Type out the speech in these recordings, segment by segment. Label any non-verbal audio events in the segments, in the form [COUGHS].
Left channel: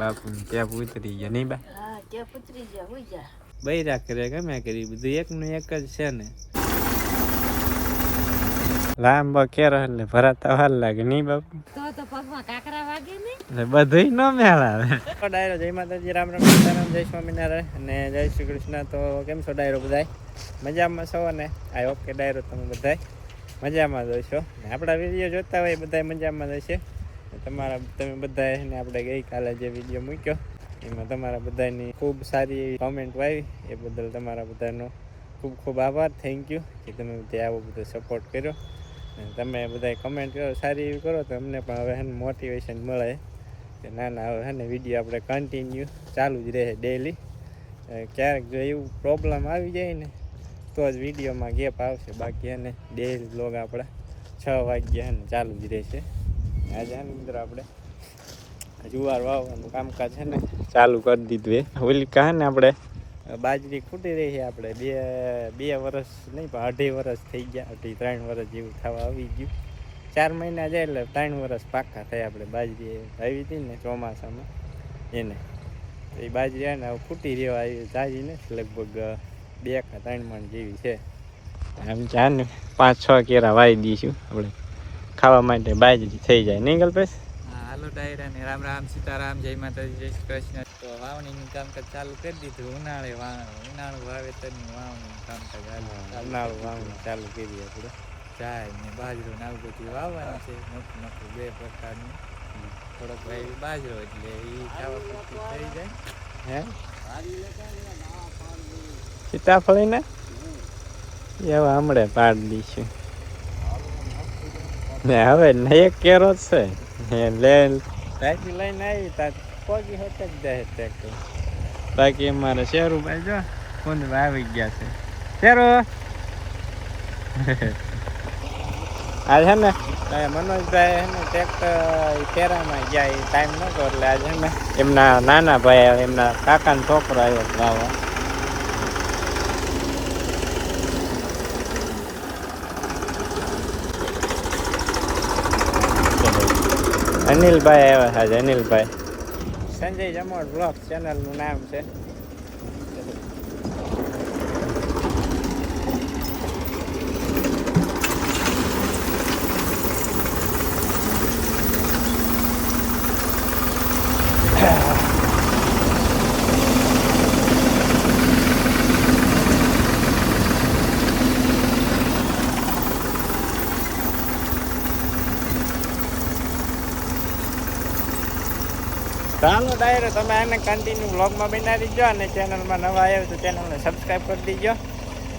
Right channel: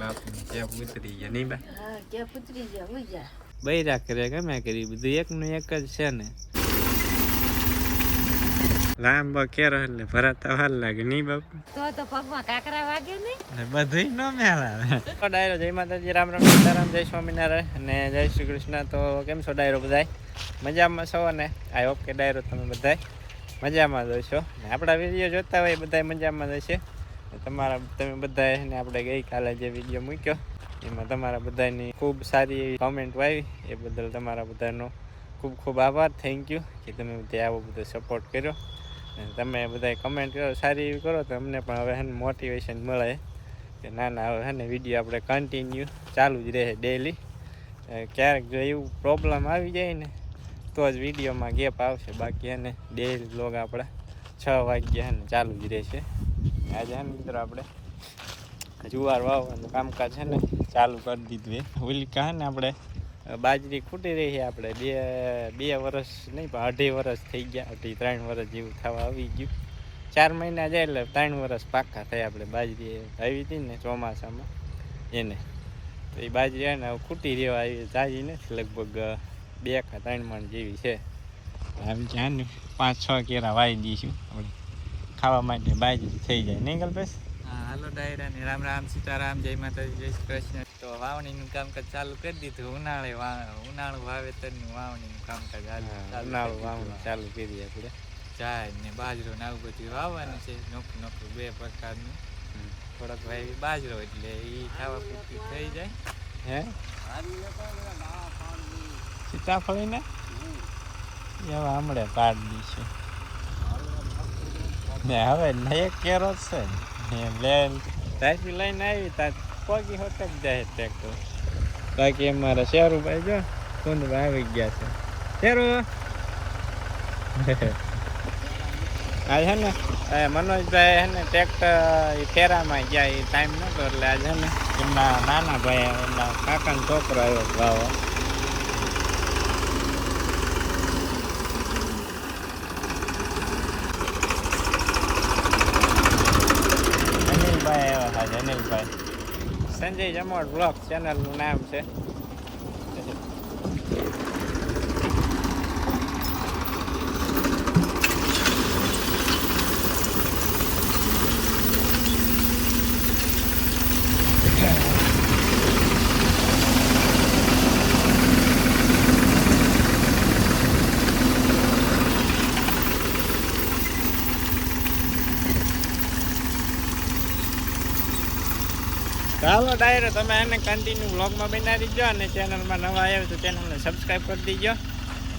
બાપુની ટેપ ઉતરી ગયા નહીં બા હા કે પુત્રી જા હોઈ જા બૈરા કરે ગમે કરી બધું એકનું એક જ છે ને. લાંબો કેરો એટલે ભરાતા વાર લાગે નહીં બાપુ? તો તો પગમાં કાકરા વાગે ને. એટલે બધું ન મેળ આવે ડાયરો જય માતાજી રામ રામ સીતારામ જય સ્વામિનારાયણ અને જય શ્રી કૃષ્ણ. તો કેમ છો ડાયરો બધાય? મજામાં છો ને આઈ હોપ કે ડાયરો તમે બધાય મજામાં જ હશો. ને આપણા વીડિયો જોતા હોય બધાય મજામાં જ હશે. ને તમારા તમે બધાએ ને આપણે ગઈકાલે જે વીડિયો મૂક્યો, એમાં તમારા બધાની ખૂબ સારી એવી કોમેન્ટ આવી એ બદલ તમારા બધાનો ખૂબ ખૂબ આભાર. થેન્ક યુ કે તમે બધે આવો બધો સપોર્ટ કર્યો. અને તમે બધા કમેન્ટ કરો, સારી એવી કરો તો અમને પણ હવે એને મોટિવેશન મળે. કે ના ના હવે હેને વીડિયો આપણે કન્ટિન્યુ ચાલુ જ રહે ડેલી ક્યારેક જો એવું પ્રોબ્લેમ આવી જાય ને, તો જ વિડીયોમાં ગેપ આવશે. બાકી એને ડેલી બ્લોગ આપણા છ વાગ્યા ચાલુ જ રહેશે. આજે અંદર આપણે જુવાર વાવવાનું કામકાજ છે ને, ચાલુ કરી દીધું એ ઓલી કહે ને આપણે, બાજરી ખૂટી રહી છે આપણે. બે બે વર્ષ નહીં, પણ અઢી વર્ષ થઈ ગયા. અઢી, ત્રણ વર્ષ જેવું થવા આવી ગયું. ચાર મહિના જાય એટલે ત્રણ વર્ષ પાકા થયા આપણે બાજરી. આવી હતી ને ચોમાસામાં, એને. તો એ બાજરી આવે ને ખૂટી રહેવા આવી તાજી નથી, લગભગ બે કા ત્રણ મણ જેવી છે. આમ ચાર ને પાંચ, છ કેરા વાવી દઈશું આપણે. ખાવા માટે બાજરી થઈ જાય. નહીં ગલ્પેશ? હાલો ડાયરા ને. રામ રામ સીતારામ જય માતાજી જય શ્રી કૃષ્ણ. તો વાવણીનું કામકાજ ચાલુ કરી દીધું. ઉનાળે ઉનાળુ વાવેતરનું વાવણીનું કામકાજ ઉનાળું વાવણી ચાલુ કરી આપણે. જાય ને બાજરો ને આવું બધું વાવવાનું છે. નોખું નોખું બે પ્રકારનું. થોડોક ભાઈ બાજરો એટલે એ ખાવા પૂરતું થઈ જાય. હે? સીતાફળી ને એવા હમણાં પાડી દઈશું ને હવે એક કેરો છે. ને લેન ત્યાંથી લઈને આવી ત્યાં પગી હોતે જ જાય ટ્રેક્ટર બાકી અમારે શેરુભાઈ જો કુંદભાઈ આવી ગયા છે. શેરુ! [LAUGHS] આ છે ને મનોજભાઈ છે ને ટ્રેક્ટર ફેરામાં ગયા એ ટાઈમ નહોતો એટલે આજે ને એમના નાના ભાઈ, એમના કાકાનો છોકરો આવ્યો છે અનિલભાઈ આવ્યા છે અનિલભાઈ. સંજય જમોડ બ્લોગ ચેનલનું નામ છે. ચાલો ડાયરો તમે આને કન્ટિન્યુ બ્લોગમાં બનાવી દીજો અને ચેનલમાં નવા આવ્યો તો ચેનલને સબસ્ક્રાઈબ કરી દીજો.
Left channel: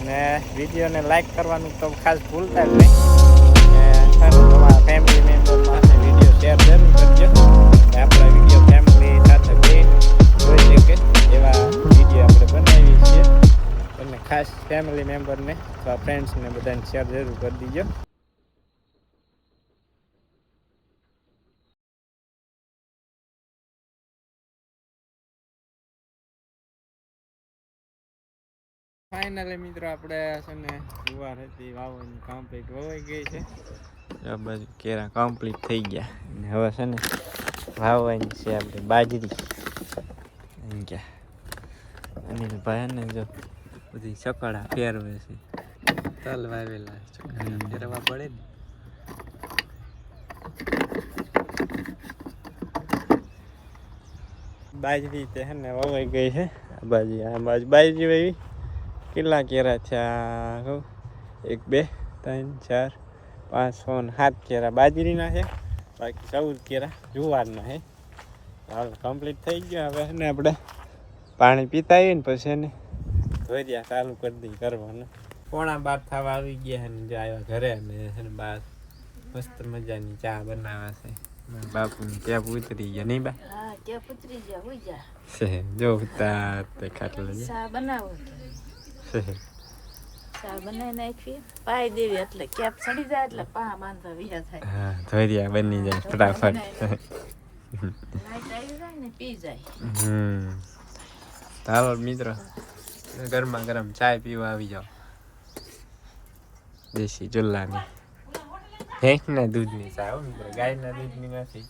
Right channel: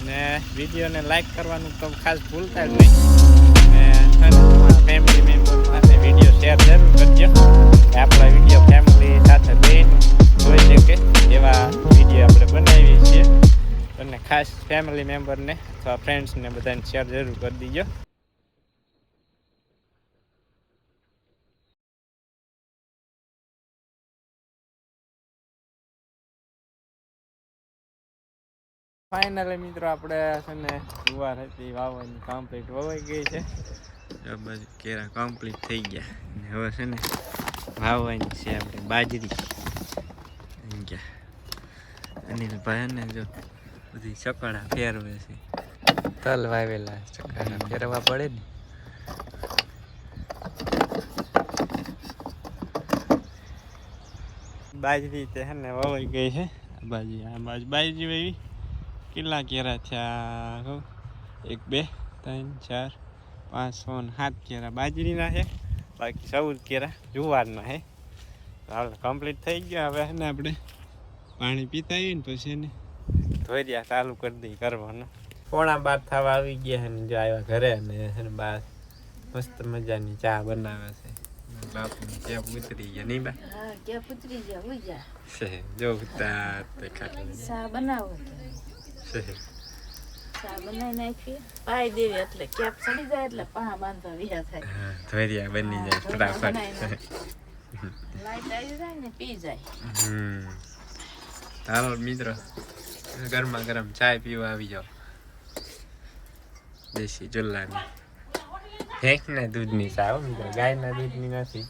ને વિડીયોને લાઈક કરવાનું તો ખાસ ભૂલતા જ નહીં. ને તમારા ફેમિલી મેમ્બર પાસે વીડિયો શેર જરૂર કરજો. આપણા વીડિયો ફેમિલી સાથે બેન જોઈ શકે એવા વીડિયો આપણે બનાવીએ છીએ. અને ખાસ ફેમિલી મેમ્બરને અથવા ફ્રેન્ડ્સને બધાને શેર જરૂર કરી દીજો. ફાઇનલી મિત્રો આપણે છે ને જુવાર હતી વાવવાની કમ્પ્લીટ વવાઈ ગઈ છે. બરાબર કેરા કમ્પ્લીટ થઈ ગયા. અને હવે છે ને વાવવાની છે આપણે બાજરી. અહીં ગયા અનિલભાઈ ને જો બધી ચકડા ફેરવે છે. તલ વાવેલા ચકડા ફેરવા પડે ને. બાજરી તે છે ને વવાઈ ગઈ છે. આ બાજુ આ બાજુ બાજરી વાવી. કેટલા કેરા થયા કહું એક બે ત્રણ ચાર પાંચ છ ને સાત કેરા. બાજરીના છે. બાકી ચૌદ કેરા જુવારના છે. હાલ કમ્પ્લીટ થઈ ગયો હવે ને આપણે પાણી પીતા આવીએ ને પછી એને ધોઈ દે ચાલુ કરી દઈ કરવાનું પોણા બાર થવા આવી ગયા ને જો આવ્યા ઘરે ને બાર મસ્ત મજાની ચા બનાવે છે. બાપુની ત્યાં ઉતરી ગયા નહીં બા? હા કે પુત્રી જા. જા જો ઉતાર ખાટલા બનાવો બની જાય ફટાફટ. મિત્રો ગરમા ગરમ ચાય પીવા આવી જાઓ. દેશી ચૂલ્લાની ભેંસના દૂધની ચા મિત્રો ગાયના દૂધની નથી.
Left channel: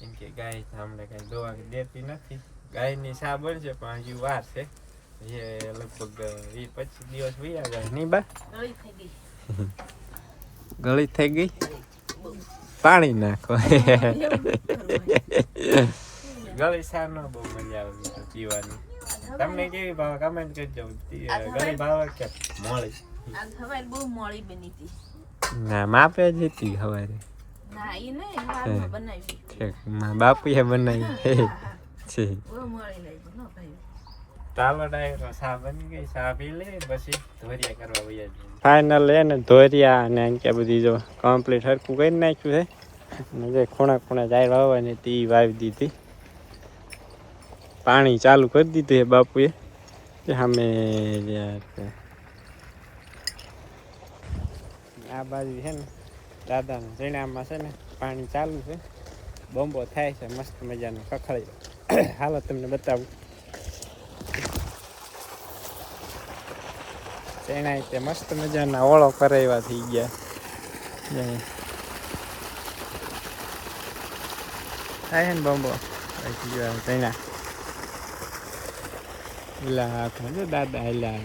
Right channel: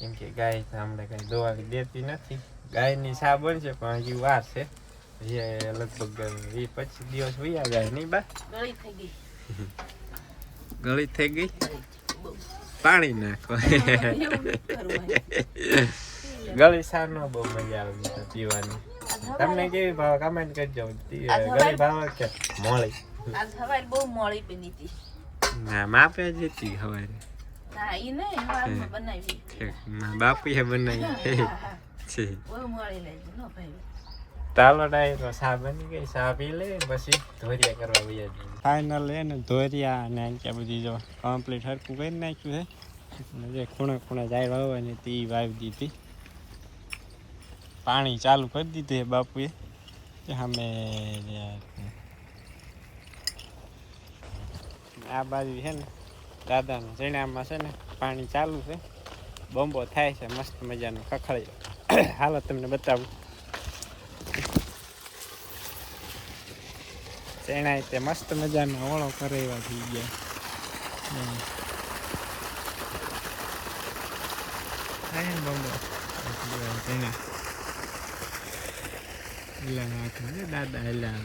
કેમ કે ગાય હમણાં કઈ દવા દેતી નથી. ગાયની ચા બનશે પણ હજી વાર છે. જે લગભગ વીસ પચીસ દિવસ વયા ગયા નહીં બા? ગળી થઈ ગઈ. પાણી નાખો. ગળી સારો બહુ મજા આવે છે પીવાની. તમને કેવી ભાવ? કમેન્ટ કરજો. ગળી ભાવ કે મોળી? હવારે બહુ મોડી બની હતી. ના માપે જ હતી બનાવી. બાપુએ બનાવી. છે. બહુ મોળી નો ભાઈ. ચાલો ડાયરો સા બની ગઈ? સા પી લે? પછી ધોરિયા કરવા વૈયા જઈએ. ફાઇનલ એ ને ધોરિયા એમ કે બધી જો કમ્પ્લીટ હરખું કરી નાખ્યું છે. જે ખૂણા ખૂણા દાયરો આવે ને તે વાવી દીધી. પાણી ચાલુ કરી દીધું એ બાપુએ. સામે આ બાજુ છે ને, દાદાના રીણામાં છે ને, પાણી ચાલુ છે. બોમ્બો થાય છે, મસ્ત મજાનો કખળી હાલો, તમને બતાવું. તેણાય તે મસ્ત મજાના ઓળો કરાવ્યા થઈ ગયા જો. થાય છે ને બોમ્બો તેણા એલા હાથમાં જો દાદા એલા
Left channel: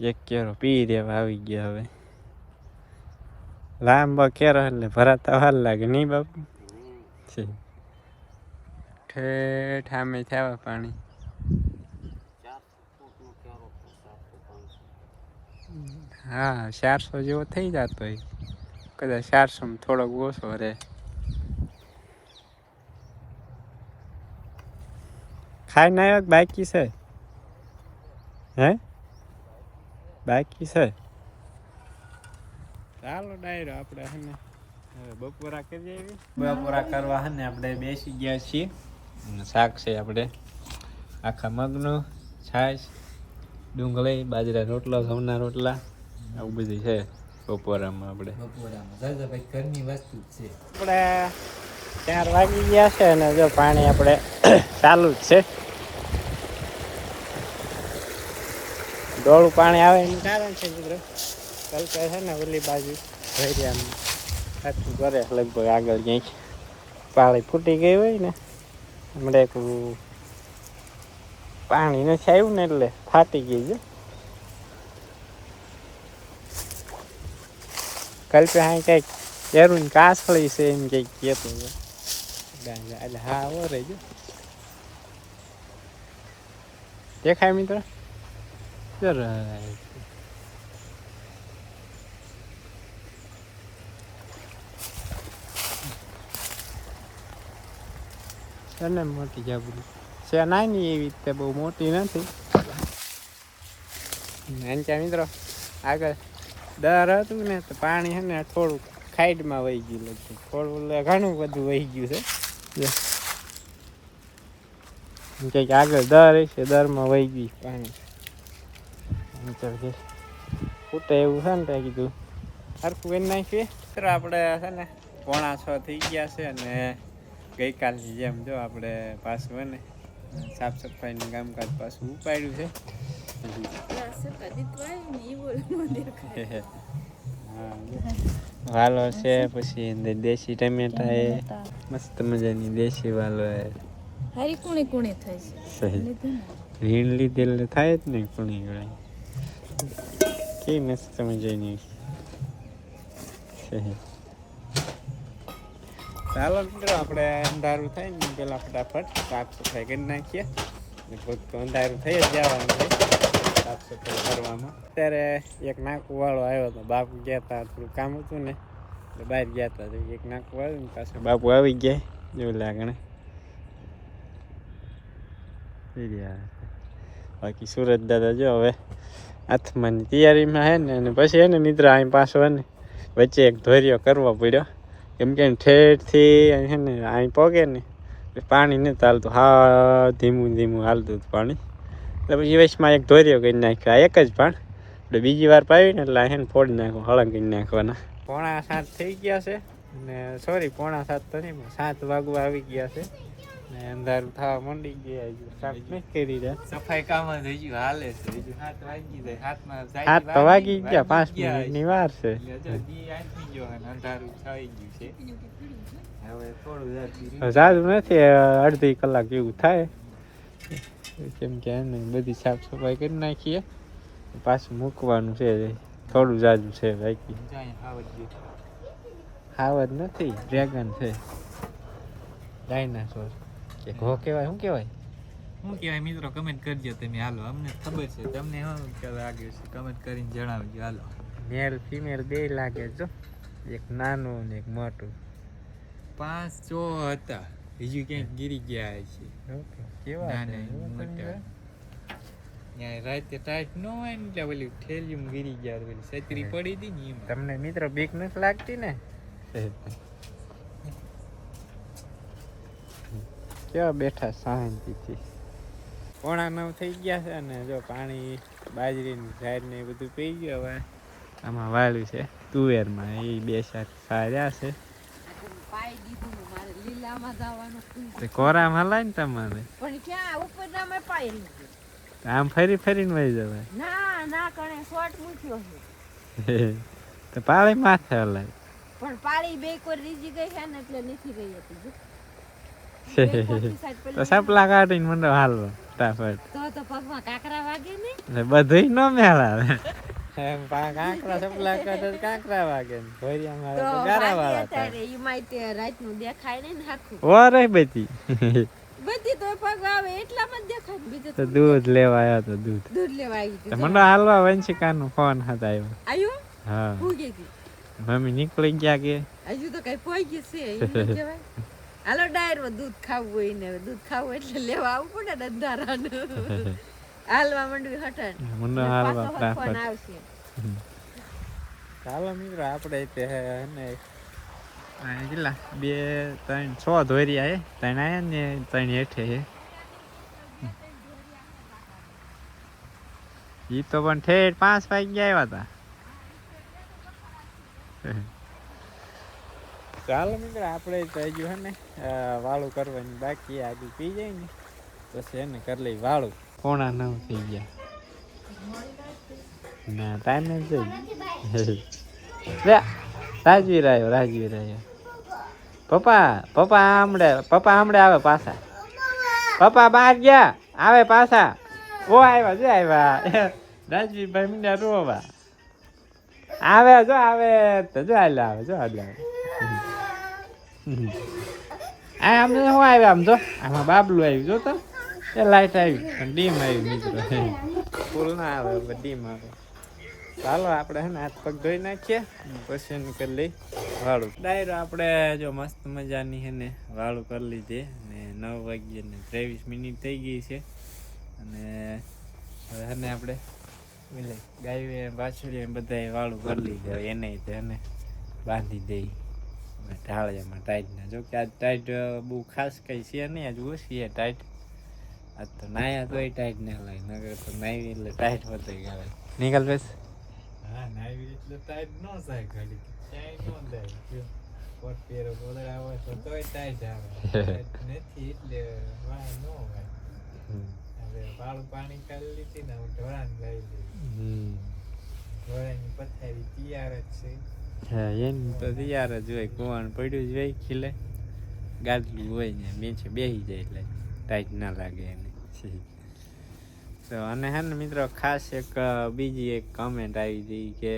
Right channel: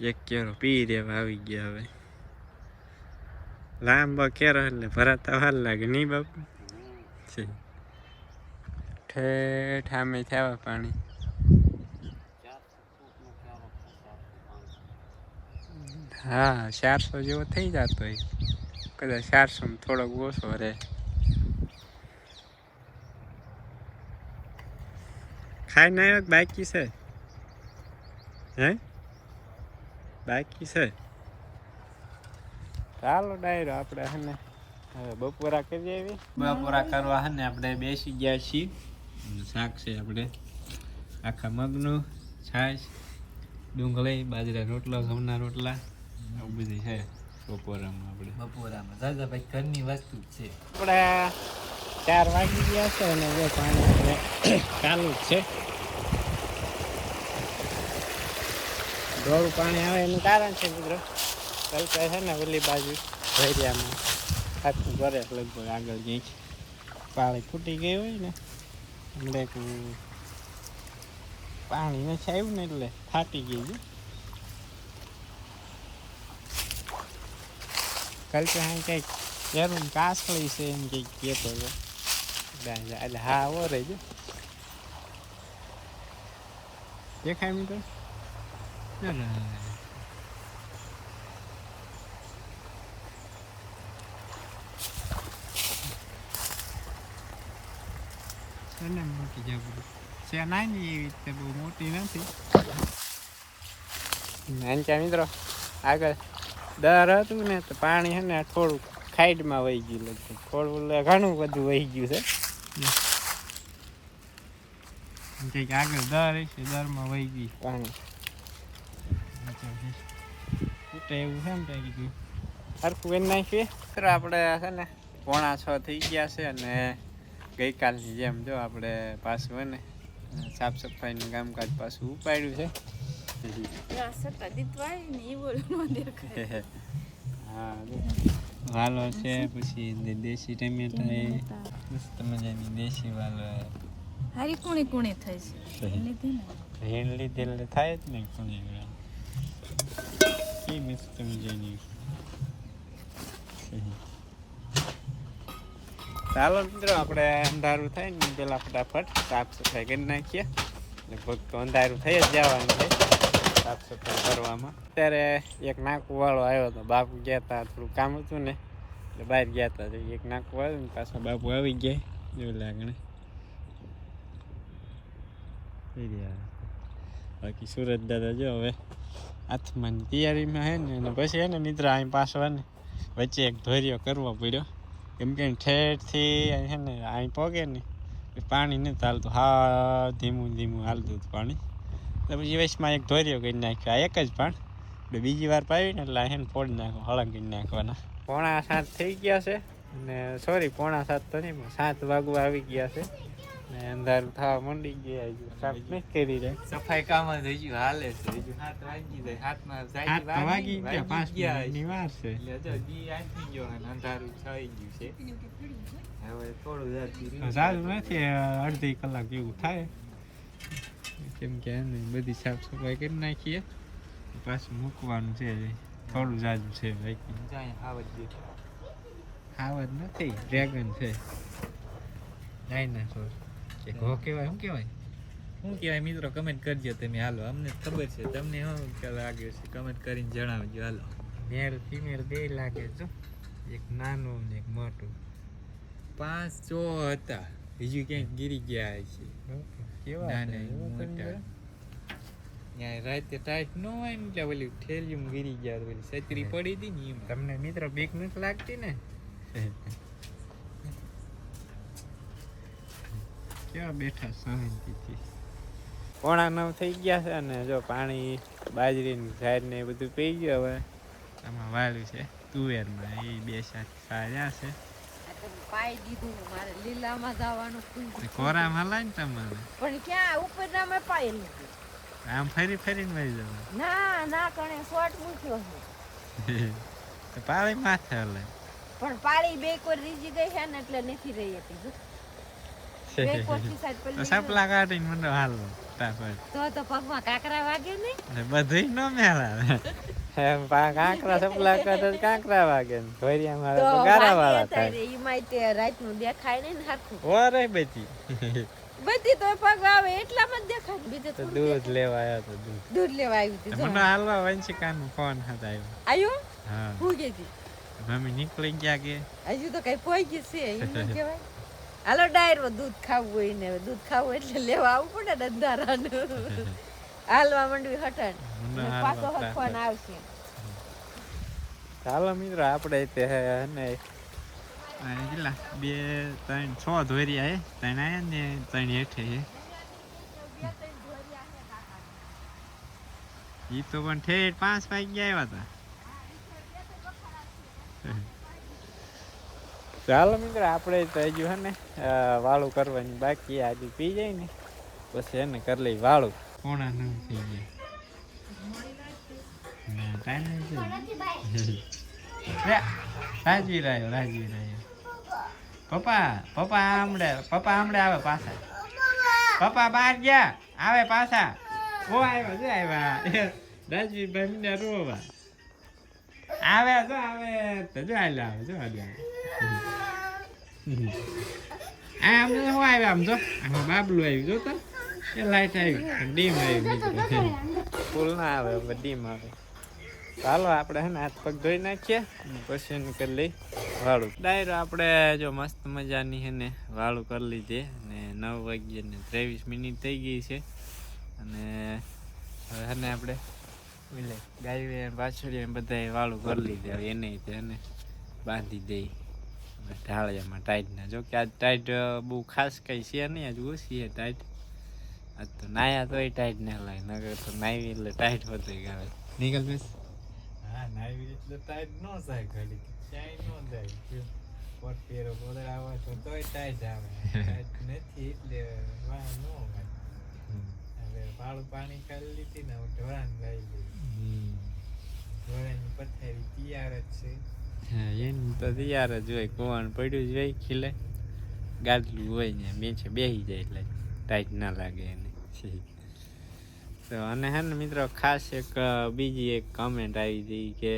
એક કેરો પી રેવા આવી ગયા હવે લાંબો કેરો એટલે ભરાતા વાર લાગે. નહીં બાપુ? ઠેઠ આમે થયા પાણી. હા ચારસો જેવો થઈ જતો હોય. કદાચ ચારસો થોડોક ઓછો રહે. ખાઈ ના બાકી છે? હે? બાકી છે? ચાલો ડાયરો આપણે હને હવે બપોરા કરીએ આવી બપોરા કરવા હે ને આપણે બેસી ગયા છીએ. અને શાક છે આપણે. આખા મગનું છાશ ડુંગળી બાજરા રોટલા ઘઉંના રોટલા આવું બધું છે બપોરામાં આપણે. બપોરામાં. દાદાભાઈ ઘરની વસ્તુ છે. આપણે ચાર વાગી ગયા છે અને જો પાણી આપણે [COUGHS] ચાલુ જ છે. ડોળું પાણી આવે એનું કારણ છે મિત્રો. કલ્પે છે ને ઓલી બાજુ, ભેરિયામાં. આખું કરે લગભગ આગળ ક્યાંક પાળી ફૂટી ગઈ હોય ને, હમણાં પાણી નથી આવ્યું ને એટલે ફાટી ગઈ છે. કલ્પે હા કંઈક એરું કાસળી છે એમ કંઈક કહેતો હતો. એટલે હા ઓ રહેજો દેખાય મિત્રો? જરાય છે ને મોટી જબરી. છે નાની એવી રીતે બહુ મોટી નથી? નાનચા મિત્રો આગળ. દર હતું ને તો પાણી છે ને થોડુંક ખાઈડમાં વહી ગયું લગભગ. થોડું ઘણું બધું વહી ગયું છે. કંઈક આગળ દર છે દરમાં વહી ગયું પાણી. ફૂટે એવું છે ને ત્યાં કીધું સરખું કરી નાખીએ. આપણે છે ને પોણા છ થઈ ગયા છે અને ગઈકાલની જેમ જો આપણે પાછું હોય ને સાફ સફાઈનું કામકાજ પાછું ઉપાડ્યું છે. વાલો છે પછી દેશી ટમેટા એ મસ્ત મજાની દેશી વાલો એ હારી કુણી કુણી થાય છે. રીણ લીધેલ થાય જ નહીં કુણી કુણી. કે મસ્ત મજાની. સહી. ચાલો મિત્રો, આપણે અંધારું થાય ને, પેલા ફટાફટ સાફ સફાઈ કરી નાખીએ. ને તો અંધારું થઈ જ જવાનું છે સાફ સફાઈ કરવામાં. અત્યારે એક નાકુવાળો આવ્યો હતો બાપુ ગયા હતા થોડું કામ હતું ને, એટલે બહાર ગયા હતા એક નાકુ આવ્યું ને પાછા બાપુ આવી ગયા, એવું લાગે ને થઈ રહ્યા. બાકી સુરત દાદા જો હવે હાથમાં તૈયારીમાં હે ને, અને પછી હે ને, મિત્ર અહીં પાછો ને, વચ્ચે એક ધોર્યો કરવો પડ્યો. કેમ કે ઠેઠથી હે ને, અહીં પોગે ને પાણી નથી હાલતું. હા, ધીમું ધીમું હાલતું હતું પાણી. એટલે પછી વચમાં એક ધોર્યો કરી નાખ્યો એક જ પણ. એટલે બીજી વાર પાવી ને એટલે અહીં ફોડી નાખો હળંગ નાખવાના. પોણા સાત થઈ ગયા છે, અને સોરી, પોણા સાત તો નહીં સાત વાગવા આવી ગયા છે. ને અંધારું થવા મંડી ગયા સાફ નથી કરી રહ્યા. સફાઈ કામ જ હજુ હાલે છે. હજુ હાથ વાગી જાય. હાથમાં હાથ તો વાગી ગયા પાંચ મિનિટની વાર છે. અંધારું થઈ ગયું છે. હવે થોડું સારું નથી અડધી કલાક જેવું થાય. કેમ કે એને બધી સાફ સફાઈ કરી નાખીએ. પાછું મૂકવાનું છે થોડું જાજુ છે બાકી. હાવજ નથી ડ્રેગન છે. ડાયનાસોર કે ઘો કહેવાય શું કહેવાય? શું કહેવાય મિત્રો? કમેન્ટ કરજો તમે હાલો. અમને ખબર છે. તમને શું લાગ્યું છે? કમેન્ટ કરીને જણાવજો. હાલો. મેલ ફિમેલ બે લાગે જો એક નાનું ને એક મોટું. પાંચ ચો હતા. બીજું ક્યાંક ગીરી ગયા છે કેવા મોટા. રાતે ટાઈટ ન હોય ને એટલે ઓલી ઠેલિયું ગીરી ગયા ઓલી છત્રી પડી હતી ને એમાં. તમને મિત્રો બીક નથી લાગતી ને? [LAUGHS] કેવા બેઠા શાંતિથી? પોણા નવ થઈ ગયા છે અને જો પાણી બાજરીની ઝાડને એ બધું પી ગયું હવે. આમાં વાળ્યું છે તુવેરમાં. એ બે સાત સાર્યા છે. પાઈ દીધું મારે લીલામાં જવાનું કોરામાં હલાય ને તમારે? પણ ક્યાં? ઉપર ના મેં પાઈ આમ ફરી ફરીને વહી જવાય? ના ના કણે શોર્ટ મૂક્યો છે. [LAUGHS] તો પાળી માથે હલાય. પણ પાળી બે કોઈ રીજી ગઈ છે ને એટલે નથી રહી હતી જો. બે કોરથી સાઈડ તો પેલી [LAUGHS] સપલા કાઢીને મને હાલો તાફત તો તો પગમાં કાકરા વાગે ને? બધું ન મેળાવે. એમ કાંકરા સપલા કરતા કાંકરા વાગે ને. ભરિયા [LAUGHS] મારે તો ગારા વાળા થાય. એમાં તે રાતનું દેખાય નહીં ને હરખું. વરે બધી. [LAUGHS] બધી તો પગ આવે એટલામાં જ દેખાય ને તો દૂધ લેવા આવ્યા તો દૂધ. દૂધ લેવા આવી તો હતી મને હાલવા વંશિકાનો ફોન હતા આવ્યો આયુ? હા. મમ્મી નીકળી ગયા કે? હજુ તો કઈ પહોંચી છે એવું ન કહેવાય. હાલો ડાયરમાં દૂધ ખાવું હોય ને દૂધ ખાવું એટલે લેવા આવવું પડે ને અંધારાનું. [LAUGHS] હાલવા માંડવી હટાણ પાછો હાલવા આવશે. ચાલો મિત્રો આપણે તે હે ને કેટલા? બે ત્રણ છ ધોરિયા હે. ત્રણ આયા ને ત્રણ હેઠે હે. ઈ તો પણ ઠેઠ પાંચ વાગ્યા આવ્યા હતા ચાલો મિત્રો, આપણે તો હજુ હે ને વાળું કરવાની બાકી આજે પી જાય ને, પછી એને કરી લઈ વાળું. પોણા નવ થઈ ગયા. ના ટાઈમ નથી રાજવી આવ્યો રાજવીર આવ્યો પપ્પા પપ્પા આમડે પપ્પા આમડે આવે પાછા. પપ્પા બહાર ગયા, આવે પાછા. ઓ, આવ્યા, જો આવ્યા. રાજવીરભાઈ મને રોવા. આવે, જો આવે, તો જો હાલે આવે, જો હાલે આવે. આ આમ તો શું આવ્યા આમ જો. આમાં બાબલું આવ્યું. જો તો. એ લાઈટ આવી. ડીમ આવી મિત્રો. ફૂલ ના આવે ડીમ આવે. ચાલો આપણે હે ને હાથ પગ ધોઈ નાખીએ. પછી એને કરી લઈ વાળું. ડાયરો આપણે જો મસ્ત મજાની હે ને વાળું કરી લીધી. અને નવ વાગ્યે ને ત્રેવીસ મિનિટ થઈ ગઈ છે. અને હવે હે ને આપણે એટલે ગાય પાછળ બધા વાળું કરી લીધે. એને તેને બાંધી દઈ આપણે ઢાળિયામાં ટાઈટના જો કે આજ ટાઈટ બહુ ખાસ કંઈ છે નહીં આજ ઓછી છે ટાઈટ આજ તો નાયા તોય ટાઈટ ને લાગે નગર તો નાવી એટલે ટાઈટ હોતો આવે નીકળ બેસ હા નાવી એટલે ટાઈટ ન થાય ઘડી ક્યાંય ન જાય. કોટ પહેરો ગોદડા તો તોય ટાઈટ આવે. [LAUGHS] નથી એટલે વાહ ન હોય હવે વાળું પાણી કાઢી લીધી ને હું ઢોળાને લઈ લીધી ઢોળાની પથારી તૈયાર જ છે. એની તો તૈયાર જ હોય કુવાનું પડ્યું જ હોય, ખીલે. ગાદલું હોય ને મેચે બેસી જાય એટલે ટાઈટ ના લાગે એને. તો અને હે ને મિત્રો, ખાસ એક બીજી એક કમેન્ટ આવી હતી કે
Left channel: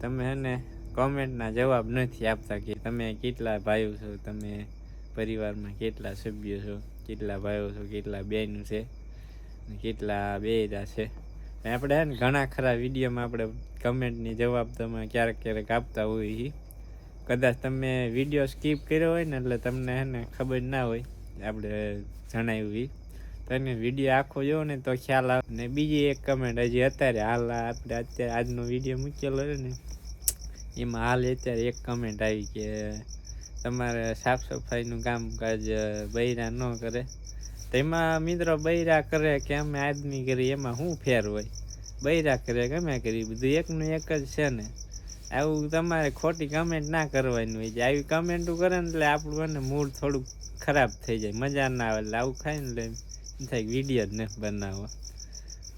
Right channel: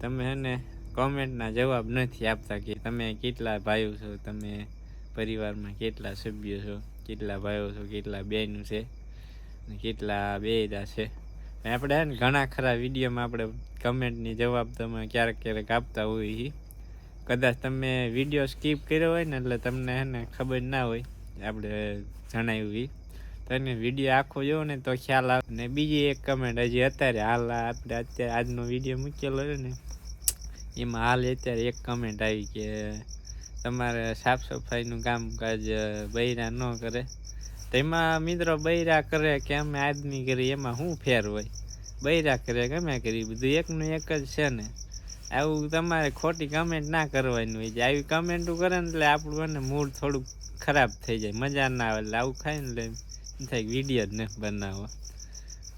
તમે હે ને કોમેન્ટના જવાબ નથી આપતા કે તમે કેટલા ભાઈઓ છો, તમે પરિવારમાં કેટલા સભ્યો છો, કેટલા ભાઈઓ છો, કેટલા બહેનું છે કેટલા બેદા છે. આપણે હે ને ઘણા ખરા વિડીયોમાં આપણે કમેન્ટની જવાબ તમે ક્યારેક ક્યારેક આપતા હોય એ કદાચ તમે વીડિયો સ્કીપ કર્યો હોય ને એટલે તમને હે ને ખબર ના હોય, આપણે જણાવ્યું એ તો વીડિયો આખો જોવો ને તો ખ્યાલ આવે. ને બીજી એક કમેન્ટ, હજી અત્યારે હાલ આપણે અત્યારે આજનો વીડિયો મૂકેલો છે ને, એમાં હાલ અત્યારે એક કમેન્ટ આવી કે તમારે સાફ સફાઈનું કામકાજ બૈરા ન કરે. તો એમાં મિત્રો બૈરા કરે કે અમે આદમી કરી, એમાં શું ફેર હોય? બૈરા કરે ગમે કરી બધું એકનું એક જ છે ને. આવું તમારે ખોટી કમેન્ટ ના કરવાની હોય. છે આવી કમેન્ટો કરે ને એટલે આપણું એને મૂડ થોડુંક ખરાબ થઈ જાય. મજા ના આવે એટલે આવું ખાય ને થાય વીડિયો જ ને બનાવો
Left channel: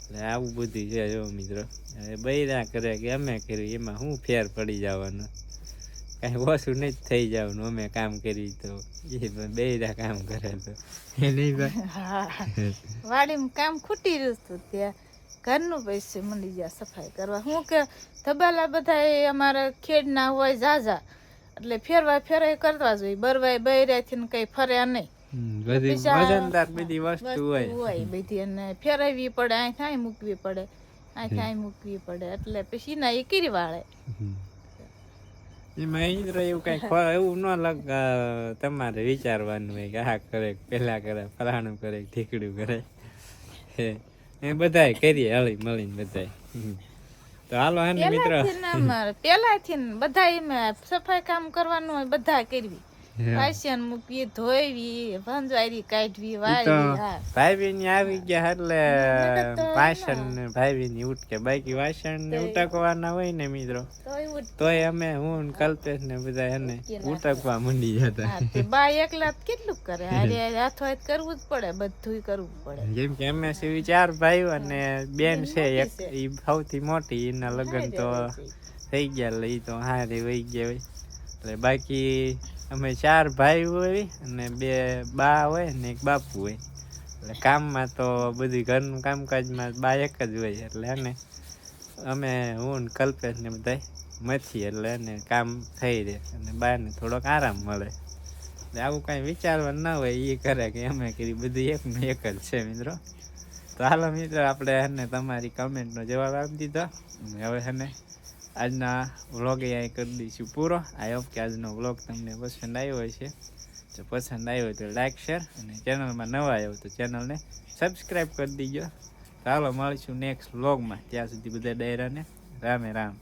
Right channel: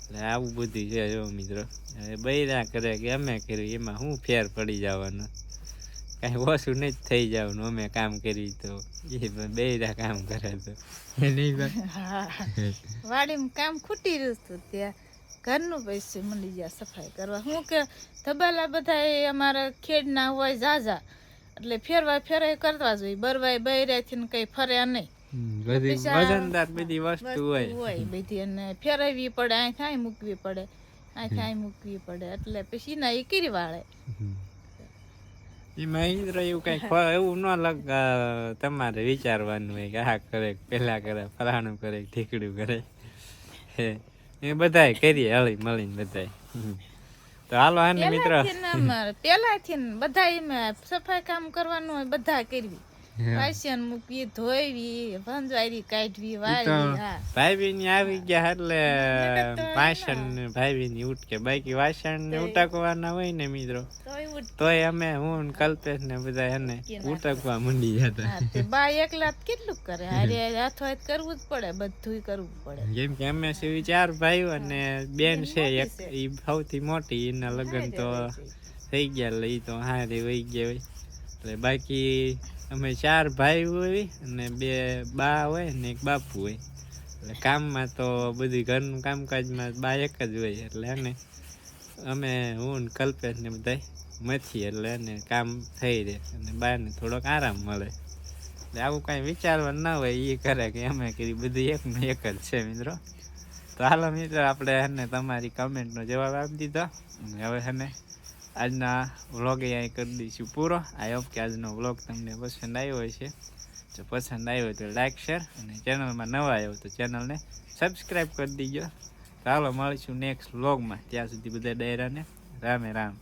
એટલે આવું બધું છે જો મિત્રો. હવે બૈરા કરે કે અમે કર્યું એમાં શું ફેર પડી જવાનો? કાંઈ ઓછું નહીં થઈ જવાનું. અમે કામ કરી તો. એ બૈરા કામ કરે તો. [LAUGHS] વાડીમાં કામ ખૂટી રહ્યું હતું ત્યાં. ઘરનું પૈસે મળી ગયા સફાઈ કરવા. હું કે તબેલા બધા એ અમારા ખેડના હોય ઝાઝા. એટલે ફેરવા ફેરવાય કરવા જોઈએ. બરવાય બૈરાથી કઈ ફર્યા નહીં. બધી વજનદાર બધી વસ્તુ વસ્તુ હોય. હોય બધી. અને ફેરવવી પડે અહીં મૂકવી પડે. અહીં મૂકવી પડે. એટલે પછી ના એ કીરી વાળે એમાં ઈ એવું કઈ એવું ન લગ તમારે વિચારવાનું હોય કે આ કરે પેલા કરે ફલાણું કરે ઠીકડું કરે. હે. એ બધાય કરીએ હળી મળીને બધાય. તો હાલો હે મિત્ર. પેલાથી બધા એમાં સફાઈ કામ કરવાનું હોય બધા કરવી. વાસણ મૂકવી ધોઈવી ભંજવારી કાઢવી વાળી ભાઈ ની આવી ગયા એટલે વાસણ ભાઈ ની ઉટકે. બાકી વાસણ ને ઉટકવાના હોય ને મિત્રો. તો તોય અમે હું કલ્પેશ ને બધા એને ઉટકવા મંડી જતા. બા એકલા કેટલું કરે? અરે હાથો હાથ કરવું જ પડે બધું કરવું પડે. જેમ કે અમે છીએ ચાર ભાઈઓ અને બેન છે એક ઈ સૌથી મોટી એના લગ્ન તો થઈ ગયા એટલે ઈ તો હારે વહી ગયા હોય. એટલે બાકી અમે ચાર ભાઈ હોય અને બે બા હોય ને એક બાપુ હોય. એટલે કામમાં તો બધું ઘરનું કામકાજમાં બા એક જ હોય એટલે એને અમે હું કલ્પેશ ને બધા મથી એટલે એને કામ થઈ રહે અને બાને થોડોક આરામ મળે. એટલે આવું કાંઈ વિચારવા ના હોય એ કરે કે અમે કરી, બધું એક ને એક જ છે મિત્રો. તો હાલો મિત્રો, આપણે એને તમારી કમેન્ટનો જવાબ આપી દીધો. અને હવે એને આજના વ્લોગ અહીંયા કરી દઈશું પૂરો. આઈ હોપ કે આજનો વ્લોગ તમને પસંદ આવ્યો હશે. જો પસંદ આવ્યો તો લાઈક શેર અને ચેનલમાં નવા આવ્યો તો ચેનલને સબસ્ક્રાઈબ કરી દીજો. હાલો મળીશું નેક્સ્ટ વ્લોગમાં ત્યાં સુધી બધા ડાયરાને રામે રામ.